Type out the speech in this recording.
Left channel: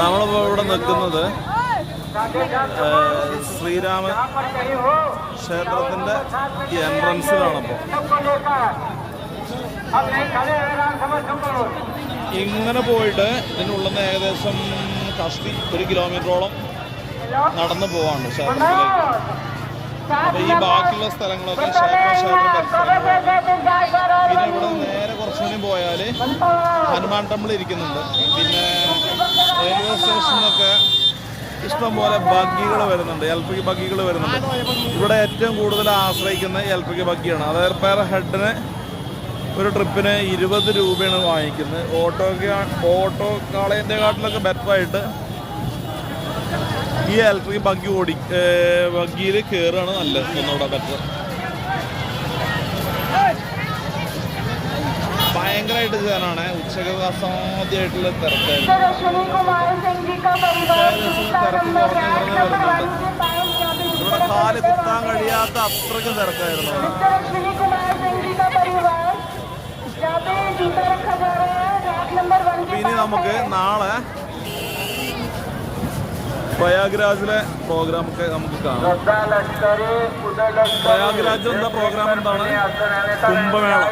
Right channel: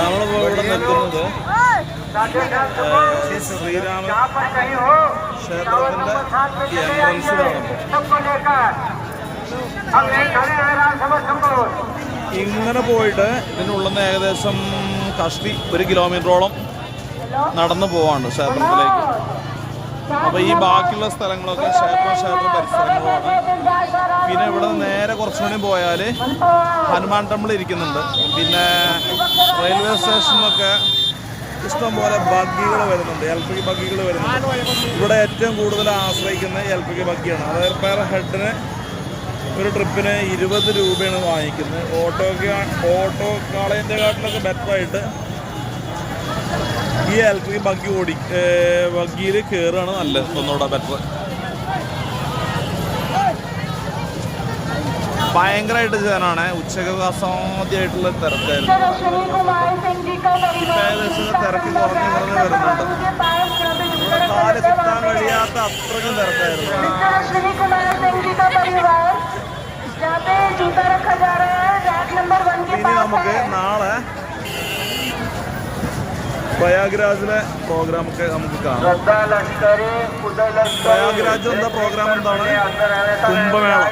നമ്മളിപ്പോൾ ഇവിടെ നിൽക്കുന്നത് ശ്രീരാമ ക്ഷേത്രത്തിൻ്റെ എൻട്രൻസിലാണപ്പോൾ. ഇങ്ങനെ പോയിട്ട് ഇതിനുള്ളിൽ നിന്ന് ഏകദേശം കഷ്ടി 1 കിലോമീറ്ററോളം നടന്നു പോവാണ്ട് ക്ഷേത്രത്തിലേക്ക്. അപ്പോൾ ഈ ബാക്കിയുള്ള സ്ഥലങ്ങളൊക്കെ ക്ഷേത്ര പരിസരങ്ങളാണ്. പിന്നെ ഇവിടെ നേരെ കുറച്ചുകൂടി പോയാൽ ഹനുമാൻ ടെമ്പിൾ ഇരിക്കുന്നുണ്ട്. പിന്നെ റെയിൽവേ സ്റ്റേഷനിലൊക്കെ ഇഷ്ടംപോലെ ബഗ്ഗികൾ വരുന്നുണ്ട്, LPG ബഗ്ഗികൾ വരുന്നുണ്ട്. ഇവിടെ ഏറ്റവും കൂടുതൽ ആശ്രയിക്കുന്ന LPG ബഗ്ഗിയാണ്. അതായത് പെർ ഹെഡിന് ഒരു ട്രിപ്പിന് 20 രൂപയാണ് വാങ്ങിക്കുന്നത്. ഓട്ടോക്കാളേൻ്റെ കാട്ടിലൊക്കെ ബെറ്ററായിട്ട് ഈ LPG ബഗ്ഗിയിൽ കയറുകയാണ് നല്ലത്, ഒന്നുകൂടെ ബെറ്റർ. ഭയങ്കരമായിട്ട് ജനാണ്. ഉച്ചക്കൊക്കെ അസാധ്യമായിട്ടുള്ള തിരക്കായിരുന്നു. ഇപ്പം ഏകദേശം തിരക്ക് കുറഞ്ഞ് വരുന്നുണ്ട്. ഇവിടെ കാല് കുത്താൻ കഴിയാത്ത അത്രയ്ക്കും തിരക്കായിരുന്നു ഇവിടെ. ഇനി നമുക്ക് നാളെ പ്രയാഗ്രാജിലെ പ്രോഗ്രാമൊക്കെ നമുക്ക് കാണാം. പ്രയാഗ്രാജിൽ എന്താ പ്രോഗ്രാം എന്താണ്? കുംഭമേള.